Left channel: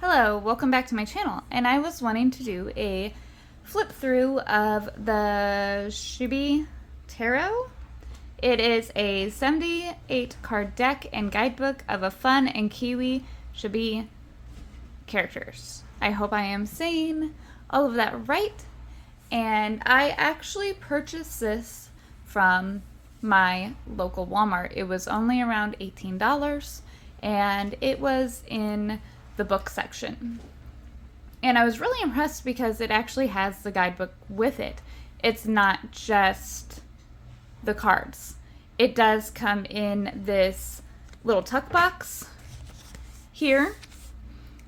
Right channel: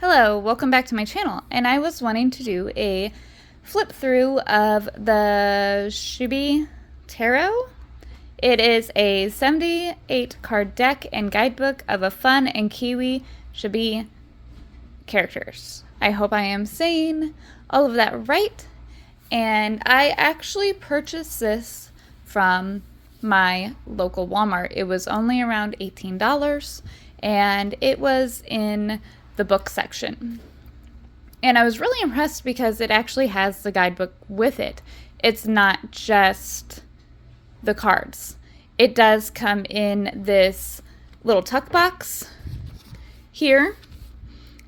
Hello, welcome back to my channel, and I was wanting to do a flip through of the Chibi Tarot. It is a 78 card deck and guidebook of a fun and Kiwi Chibi characters. I hope I am saying all of that right, and I actually purchased this from my local Walmart. It was only around $18, and it was in the book section. And I was really impressed because it actually has the guidebook with it. It's not just the cards. It does come in this little tuck box here,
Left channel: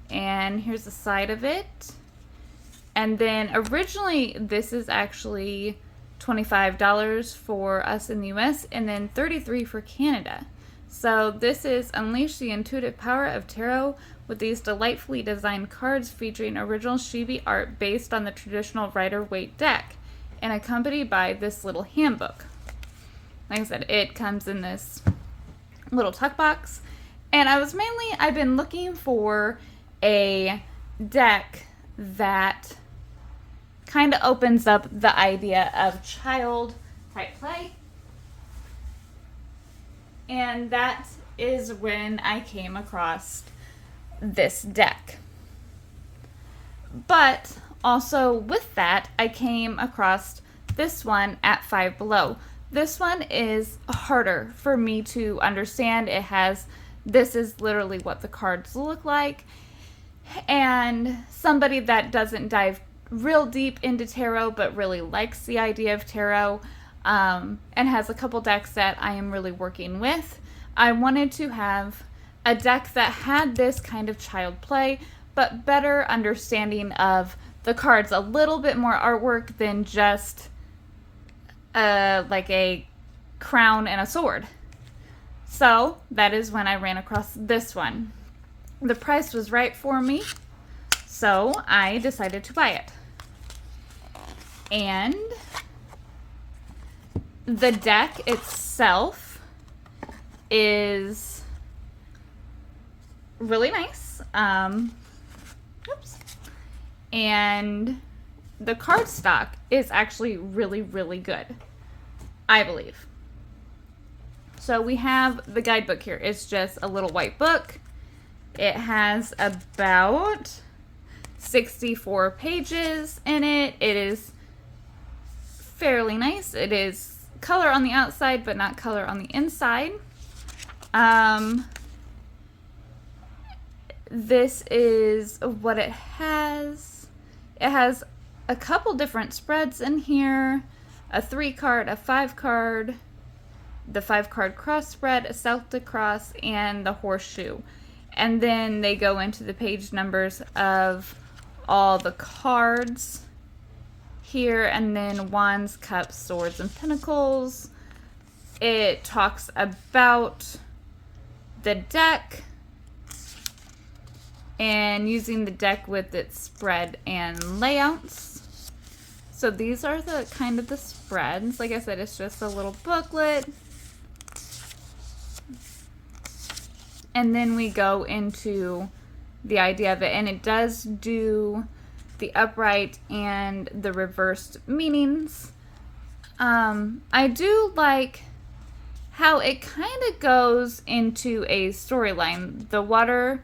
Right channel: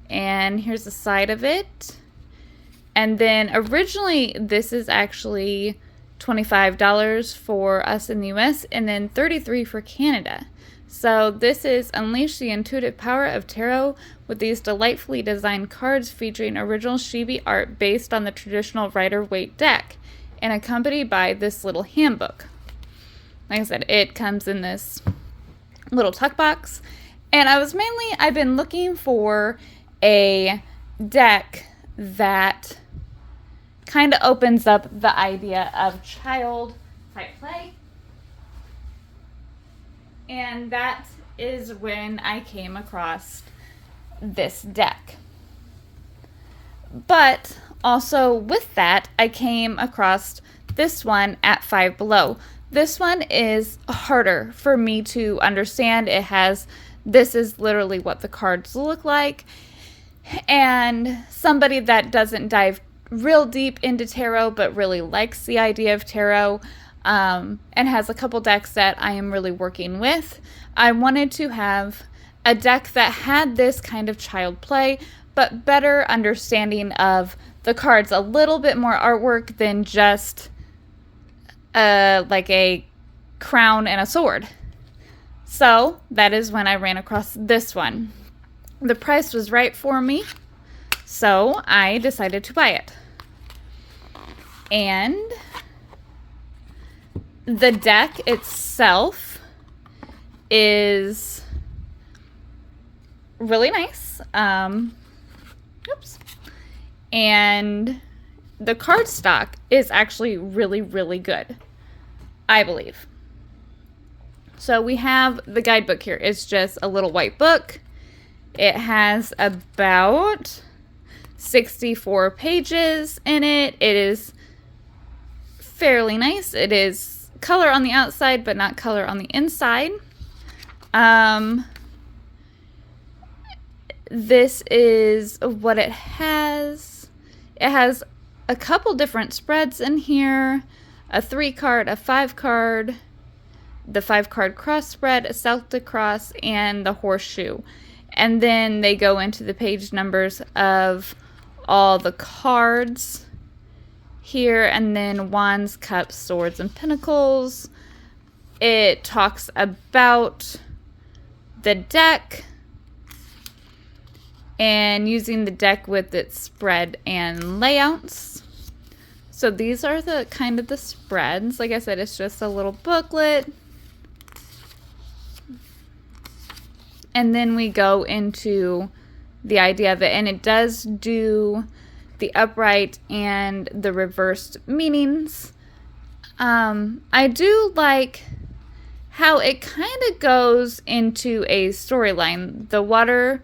and here's the side of it. And then originally this is actually $25 for us in the US and then $33 for Canada. So this is Unleash the Intuitive Power of Tarot with these delightfully designed cards featuring original Chibi art based on the traditional Rider-Waite deck and accompanied by this little handbook. Like I said, it comes in this little tuck box. And I've been looking for a deck that kind of opens up the idea of child type play. And that is when I came across this deck. But also with that, I came across this one at Five Below. This one is harder for me to understand. This is literally what the cards look like. And somebody that doesn't dive real deep into tarot but really likes the idea of tarot, and has a couple decks that I am really working with. I wanted to have a deck that had this kind of child play, but better understanding of the cards, a little bit more artwork than just like a crown and a sword. So that is when I ran across this one. The price was right for me, so I decided to buy it. And the deck itself is really nice. And the cardstock is actually really, really good, I believe. So we have the guidebook here. It's just a little white book. It has about 64 pages in it. It is fairly nice. It is color on the outside, but not color on the inside. This is what it has. It has a couple different spreads in here. A 3-card, a 5-card, the 5-card cross spread, a Celtic cross, and the horseshoe. And then they go into the page numbers of all the cards here, and then wands, cups, swords, and pentacles. It talks about the deck and using the deck with its spread and layouts. So these are the kind of the spreads. Like I said, it's just a little booklet. And then we go into the idea of it, and it does do the upright and the reversed meanings. I do like how it kind of goes into a storyline. The waters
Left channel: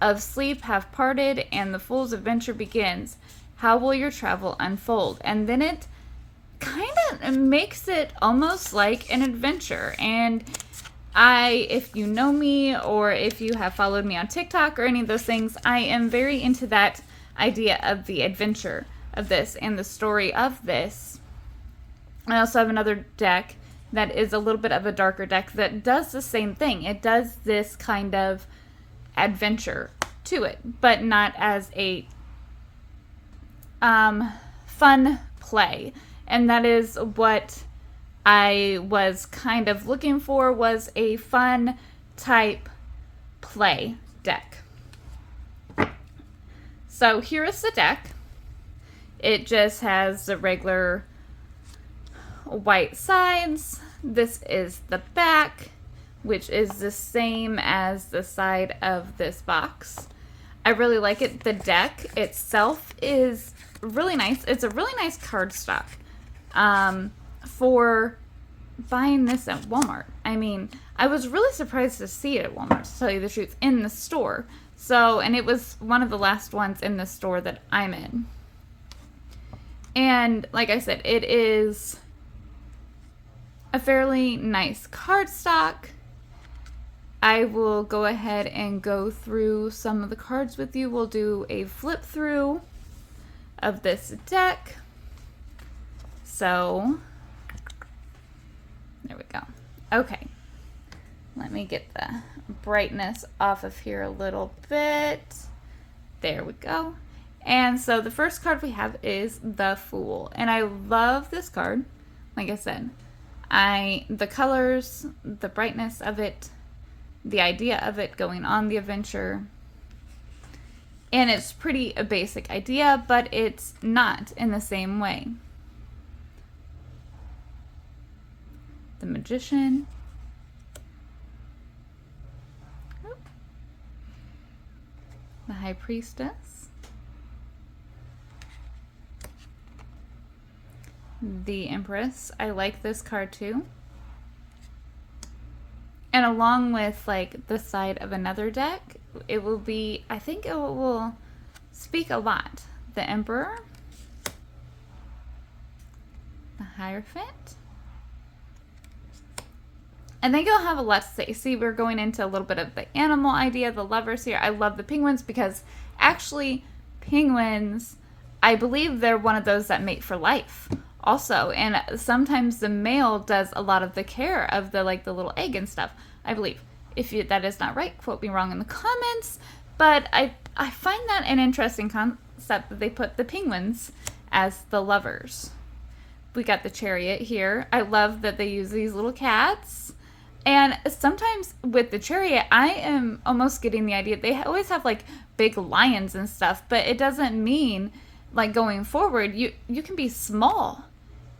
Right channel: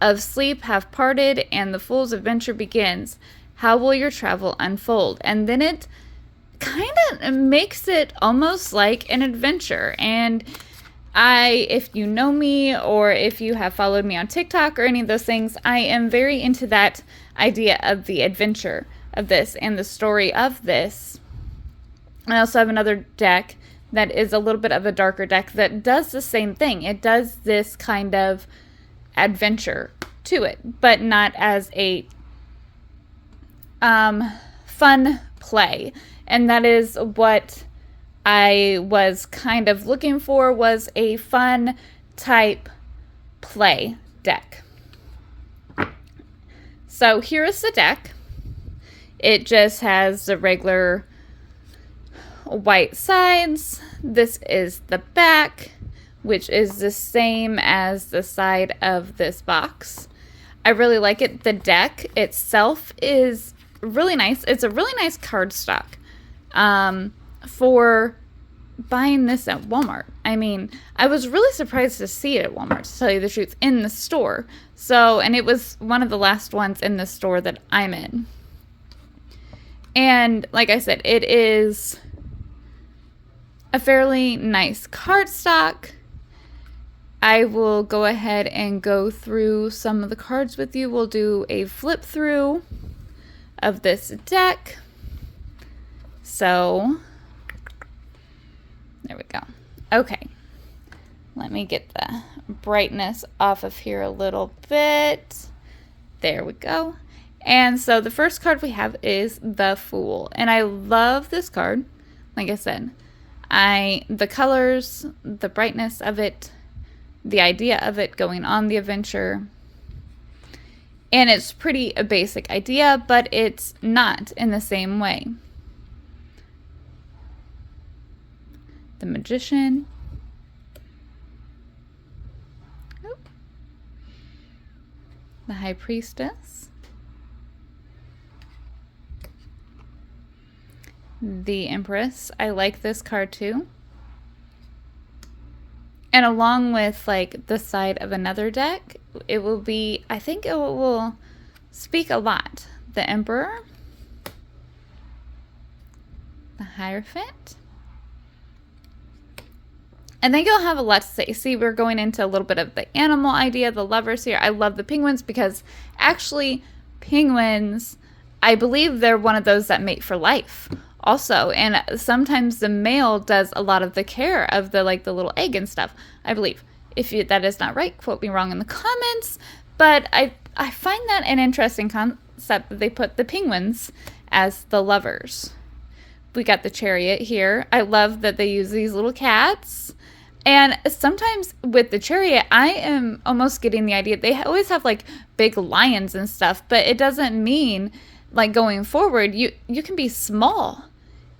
of sleep have parted and the fool's adventure begins. How will your travel unfold? And then it kind of makes it almost like an adventure. And if you know me, or if you have followed me on TikTok or any of those things, I am very into that idea of the adventure of this and the story of this. I also have another deck that is a little bit of a darker deck that does the same thing. It does this kind of adventure to it, but not as a fun play. And that is what I was kind of looking for, was a fun type play deck. So here is the deck. It just has the regular white sides. This is the back, which is the same as the side of this box. I really like it. The deck itself is really nice. It's a really nice cardstock for buying this at Walmart. I mean, I was really surprised to see it at Walmart, to tell you the truth, in the store. So, and it was one of the last ones in the store that I'm in. And like I said, it is a fairly nice cardstock. I will go ahead and go through some of the cards with you. We'll do a flip through of this deck. So, there we go. Okay. Let me get the brightness off of here a little bit. There we go. And so the first card we have is the Fool. And I love this card. Like I said, the colors, the brightness of it, the idea of it going on the adventure. And it's pretty a basic idea, but it's not in the same way. The Magician. The High Priestess. The Empress. I like this card too. And along with like the side of another deck, it will be, I think it will speak a lot. The Emperor. The Hierophant. I think it'll have a lot to say. See, we're going into a little bit of the animal idea, the lovers here. I love the penguins because actually penguins, I believe they're one of those that mate for life also. And sometimes the male does a lot of the care of the little egg and stuff, I believe. If that is not right, quote me wrong in the comments. But I find that an interesting concept that they put the penguins as the lovers. We got the Chariot here. I love that they use these little cats. And sometimes with the Chariot, I am almost getting the idea they always have like big lions and stuff, but it doesn't mean like going forward you can be small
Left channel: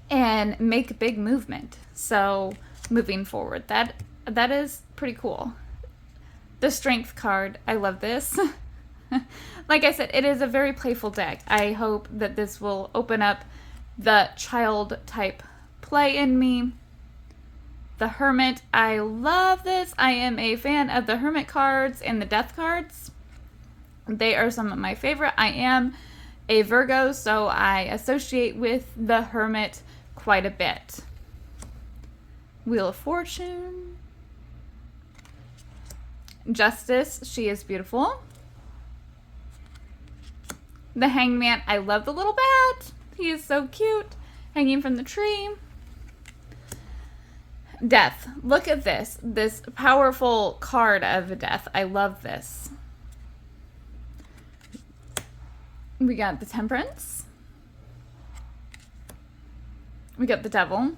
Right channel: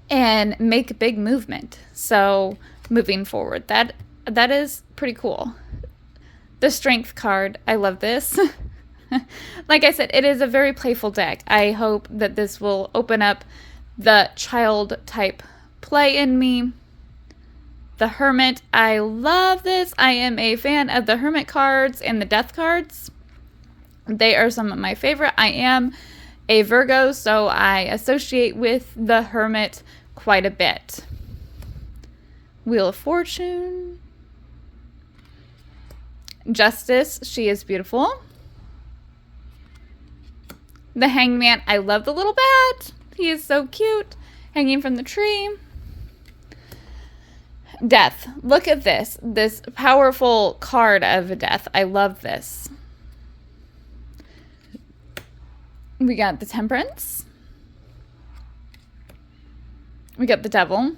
and make big movement. So moving forward, that is pretty cool. The Strength card, I love this. Like I said, it is a very playful deck. I hope that this will open up the child type play in me. The Hermit, I love this. I am a fan of the Hermit cards and the Death cards. They are some of my favorite. I am a Virgo, so I associate with the Hermit quite a bit. Wheel of Fortune. Justice, she is beautiful. The Hangman, I love the little bat. He is so cute, hanging from the tree. Death. Look at this powerful card of Death. I love this. We got the Temperance. We got the Devil.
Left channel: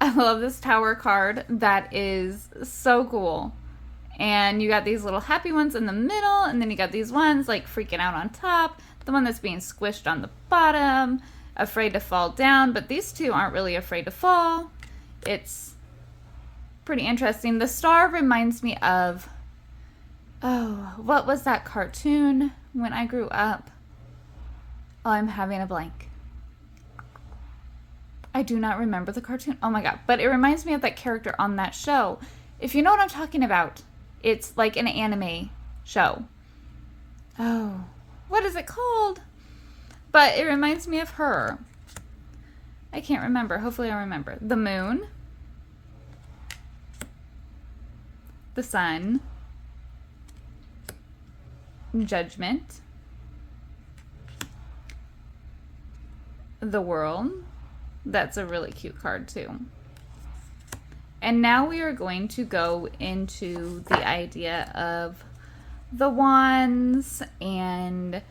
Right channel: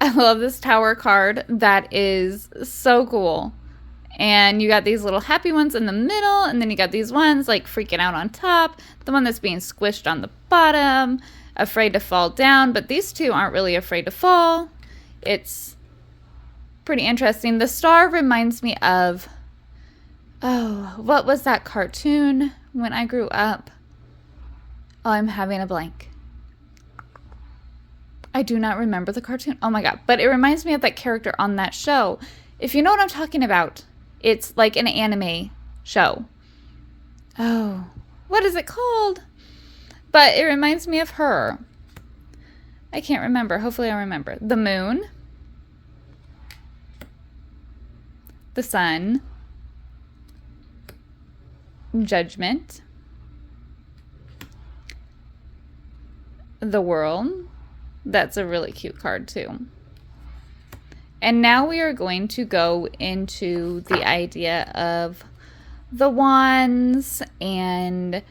I love this Tower card. That is so cool. And you got these little happy ones in the middle, and then you got these ones like freaking out on top, the one that's being squished on the bottom, afraid to fall down, but these two aren't really afraid to fall. It's pretty interesting. The Star reminds me of, oh, what was that cartoon when I grew up? Oh, I'm having a blank. I do not remember the cartoon. Oh my god, but it reminds me of that character on that show. If you know what I'm talking about, it's like an anime show. Oh, what is it called? But it reminds me of her. I can't remember. Hopefully I remember. The Moon. The Sun. Judgment. The World. That's a really cute card too. And now we are going to go into the idea of the wands and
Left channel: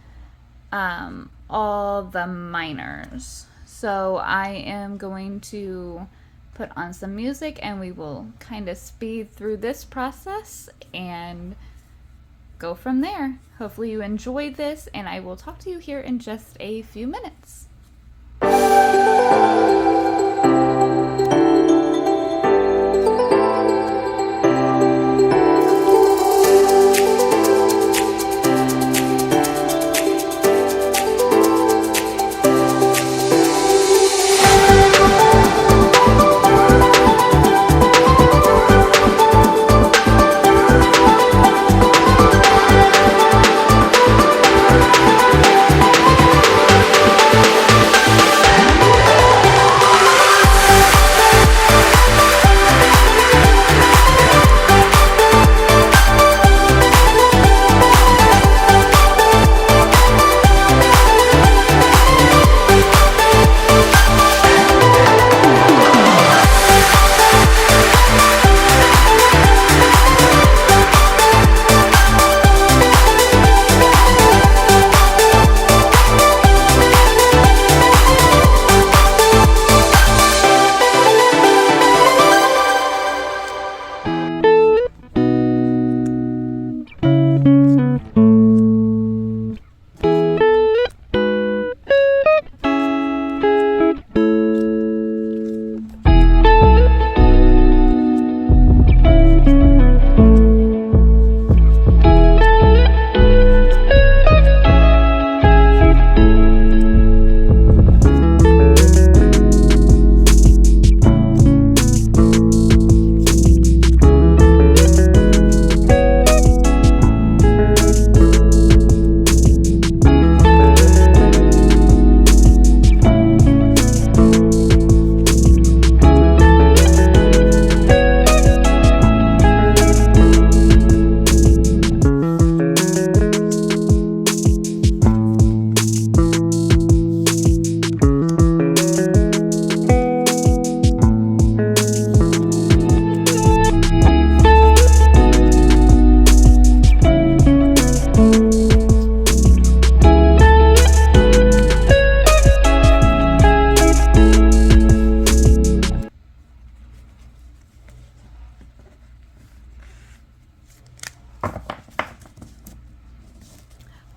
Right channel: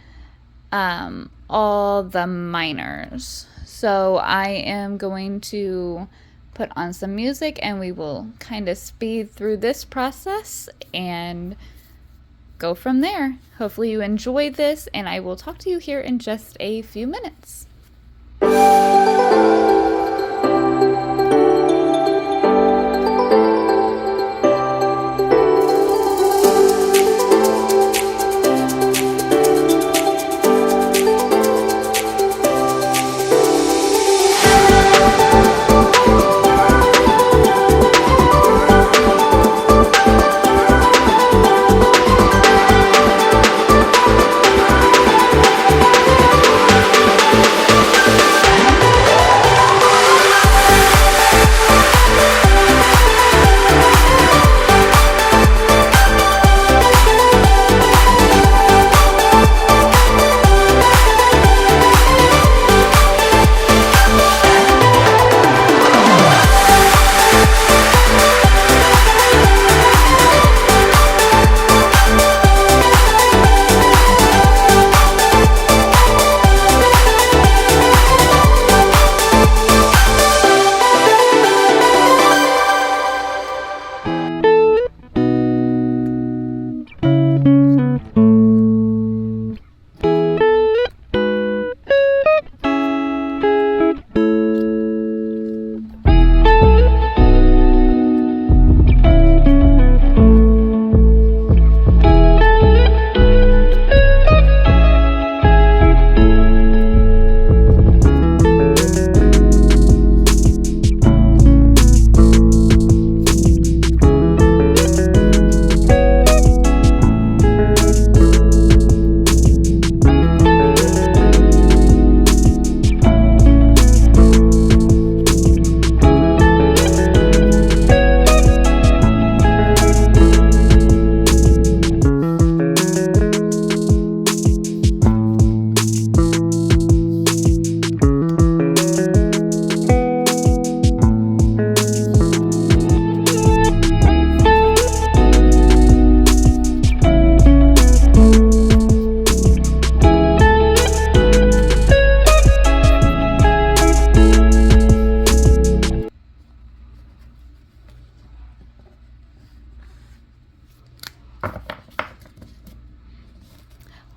all the minors. So I am going to put on some music and we will kind of speed through this process and go from there. Hopefully you enjoyed this, and I will talk to you here in just a few minutes.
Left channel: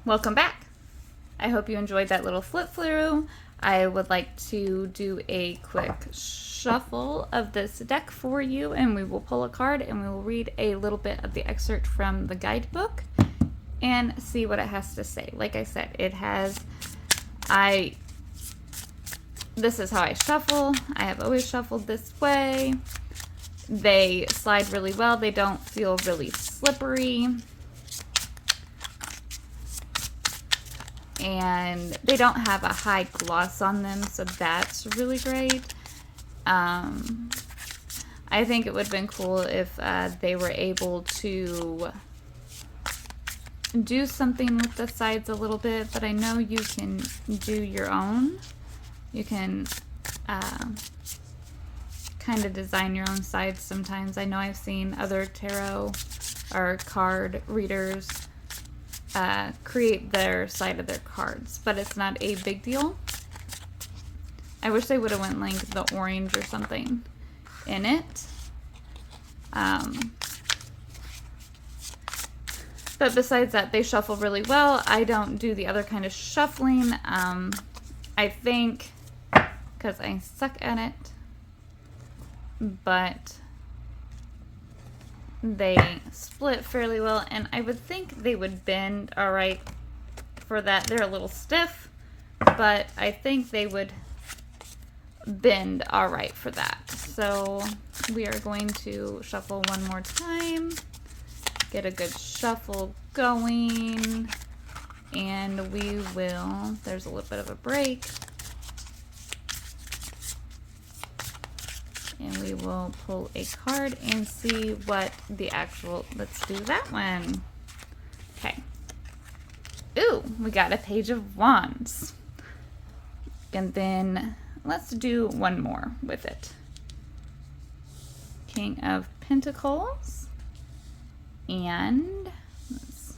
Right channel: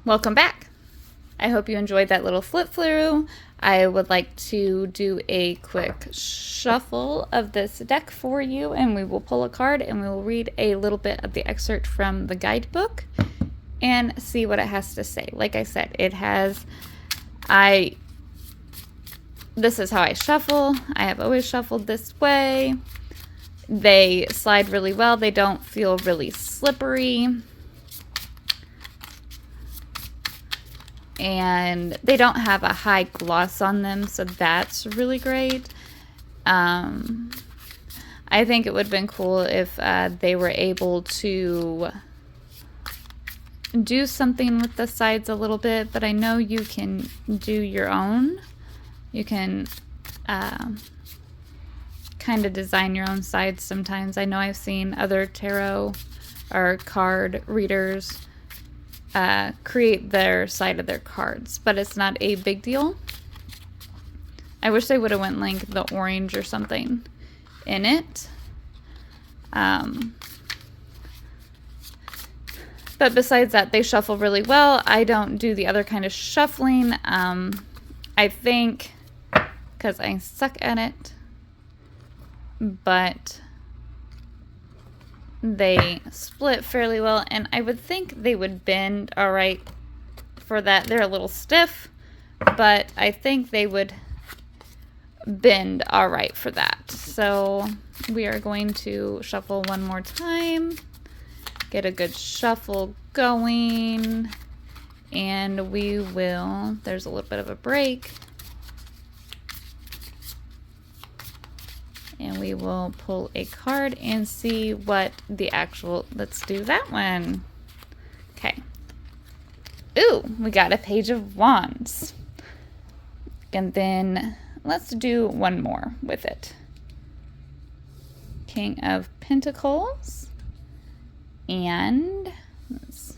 Welcome back. I hope you enjoyed that little flip through. I would like to do a quick shuffle of this deck for you, and we will pull a card and we will read a little bit of the excerpt from the guidebook and see what it has to say. Like I said, it has, this is how I shuffle. I have always shuffled this way. They slide really well. They don't feel really slippery. And they don't have a high gloss on them, so that's really great. I think it would have been cool if they were able to do something with the sides a little bit, but I know you can do your own. You can kind of design your own sides sometimes. I know I've seen other tarot or card readers create their side of their cards, but it's not a big deal. I wish they would have went like the orange or something in it. But besides that, they shuffle really well. I don't do the other kind of shuffling. I think because I suck at it, but they split fairly well, and I would think they would bend all right for that. They're a little stiff, but I think they would bend all right for that. So we are going to shuffle one more time, get a good shuffle going, and we will, there's a little bit of a break, and we will pull a card and see what the actual, let's do that one. Okay. Ooh, we got a Page of Wands. And then let's do one more with it. King of Pentacles. And let's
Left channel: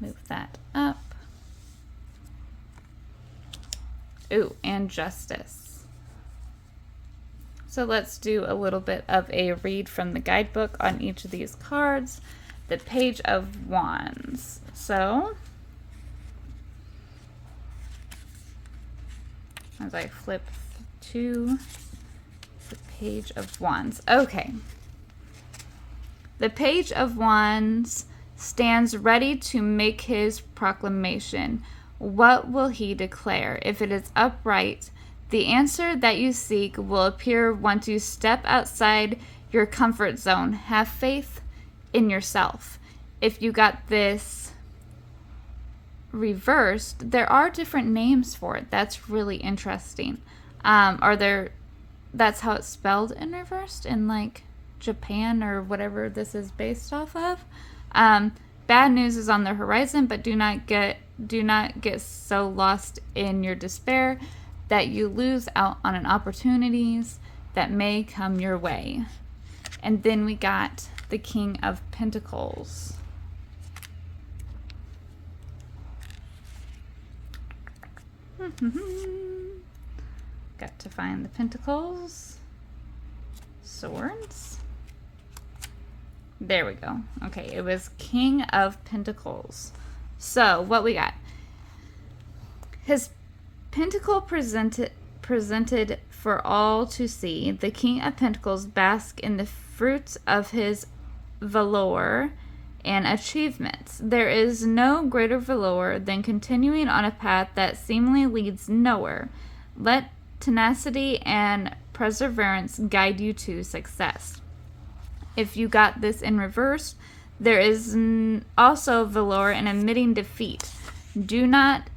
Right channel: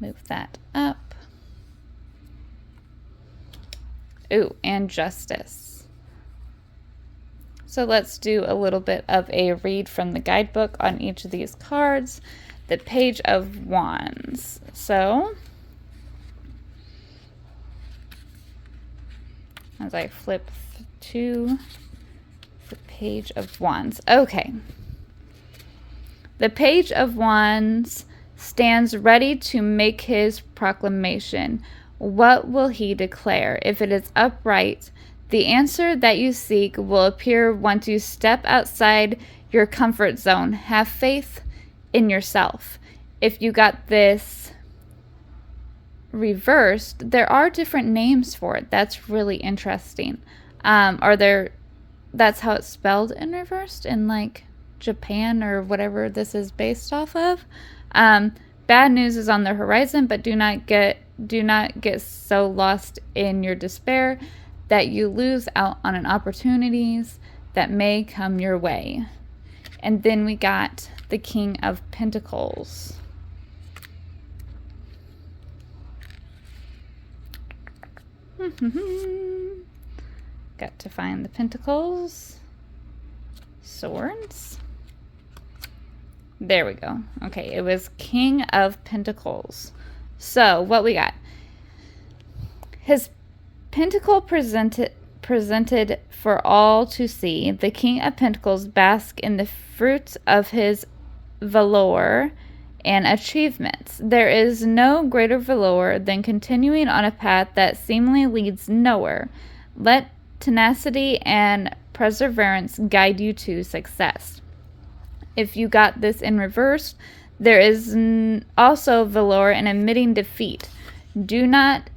move that up. Ooh, and Justice. So let's do a little bit of a read from the guidebook on each of these cards. The Page of Wands. So, as I flip to the Page of Wands. Okay. The Page of Wands stands ready to make his proclamation. What will he declare? If it is upright, the answer that you seek will appear once you step outside your comfort zone. Have faith in yourself. If you got this reversed, there are different names for it. That's really interesting. That's how it's spelled in reversed in like Japan or whatever this is based off of. Bad news is on the horizon, but do not get so lost in your despair that you lose out on an opportunities that may come your way. And then we got the King of Pentacles. Got to find the Pentacles. Swords. There we go. Okay, it was King of Pentacles. So what we got? His Pentacle presented for all to see. The King of Pentacles bask in the fruits of his valor and achievements. There is no greater valor than continuing on a path that seemingly leads nowhere. Let tenacity and perseverance guide you to success. If you got this in reverse, there is also valor in admitting defeat. Do not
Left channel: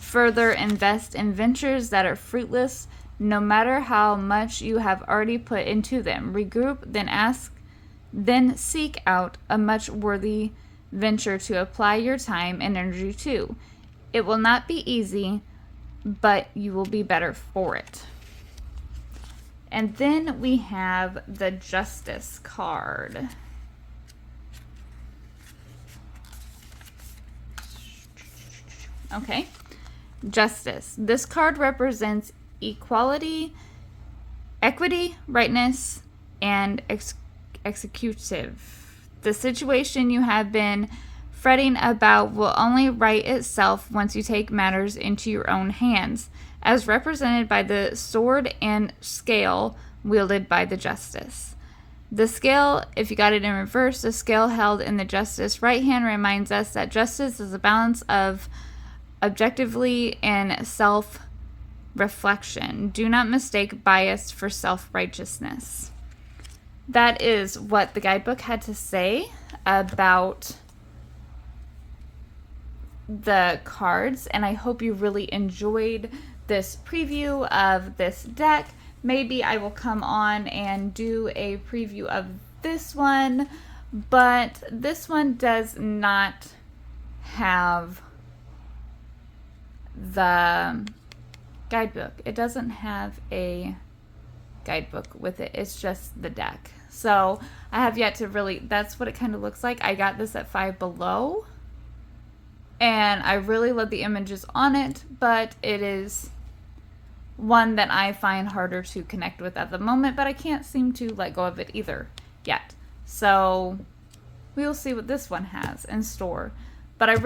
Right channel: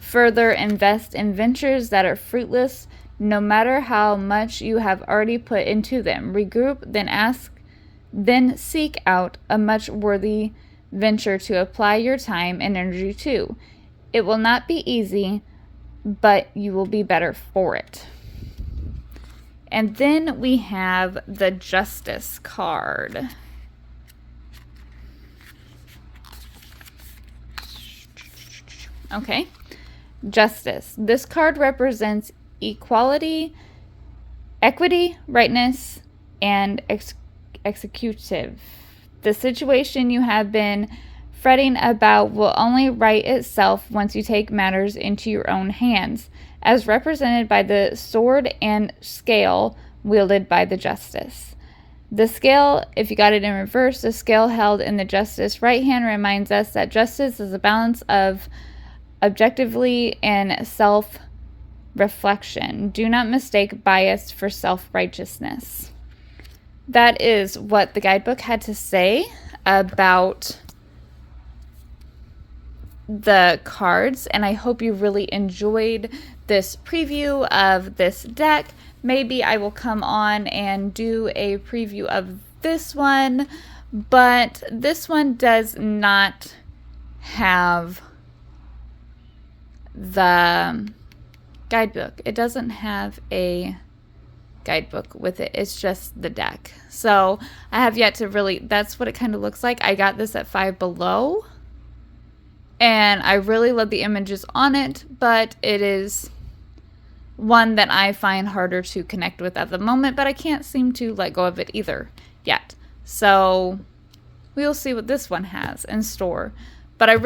further invest in ventures that are fruitless, no matter how much you have already put into them. Regroup, then seek out a much worthy venture to apply your time and energy to. It will not be easy, but you will be better for it. And then we have the Justice card. Okay. Justice. This card represents equality, equity, rightness, and executive. The situation you have been fretting about will only right itself once you take matters into your own hands, as represented by the sword and scale wielded by the justice. The scale, if you got it in reverse, the scale held in the justice right hand reminds us that justice is a balance of objectively and self-reflection. Do not mistake bias for self-righteousness. That is what the guidebook had to say about the cards, and I hope you really enjoyed this preview of this deck. Maybe I will come on and do a preview of this one, but this one does not have the guidebook. It doesn't have a guidebook with it. It's just the deck. So I have yet to really, that's what it kind of looks like. I got this at Five Below, and I really love the images on it, but it is one that I find harder to connect with at the moment, but I can't seem to let go of it either yet. So we'll see what this one has in store. But I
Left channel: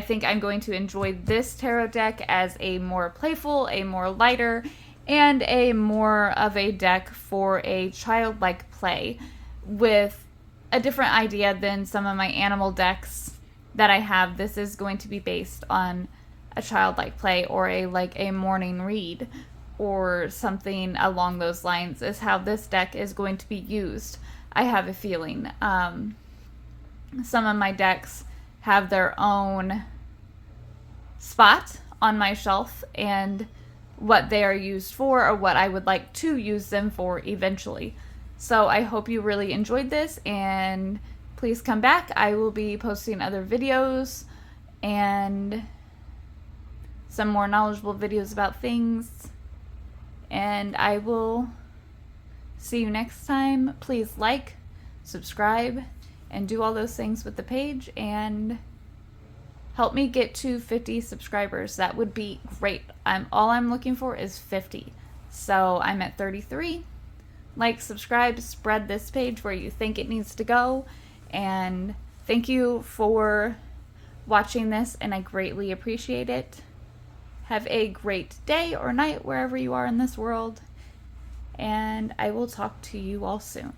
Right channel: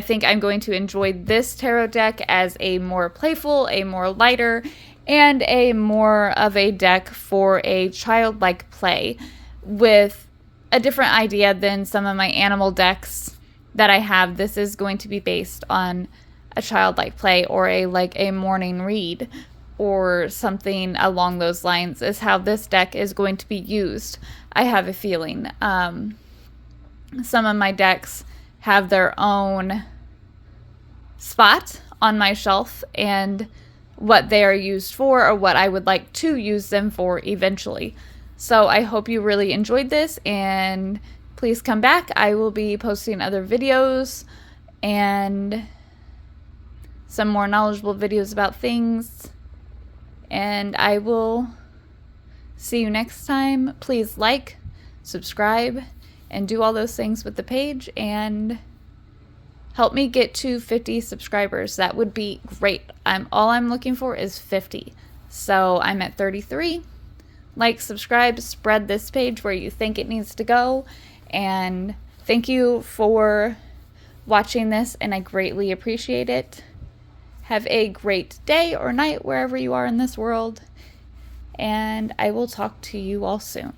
think I'm going to enjoy this tarot deck as a more playful, a more lighter, and a more of a deck for a childlike play with a different idea than some of my animal decks that I have. This is going to be based on a childlike play or a morning read or something along those lines is how this deck is going to be used. I have a feeling. Some of my decks have their own spot on my shelf and what they are used for or what I would like to use them for eventually. So I hope you really enjoyed this, and please come back. I will be posting other videos and some more knowledgeable videos about things, and I will see you next time. Please like, subscribe, and do all those things with the page, and help me get to 50 subscribers. That would be great. All I'm looking for is 50. So I'm at 33. Like, subscribe, spread this page where you think it needs to go, and thank you for watching this, and I greatly appreciate it. Have a great day or night wherever you are in this world, and I will talk to you all soon.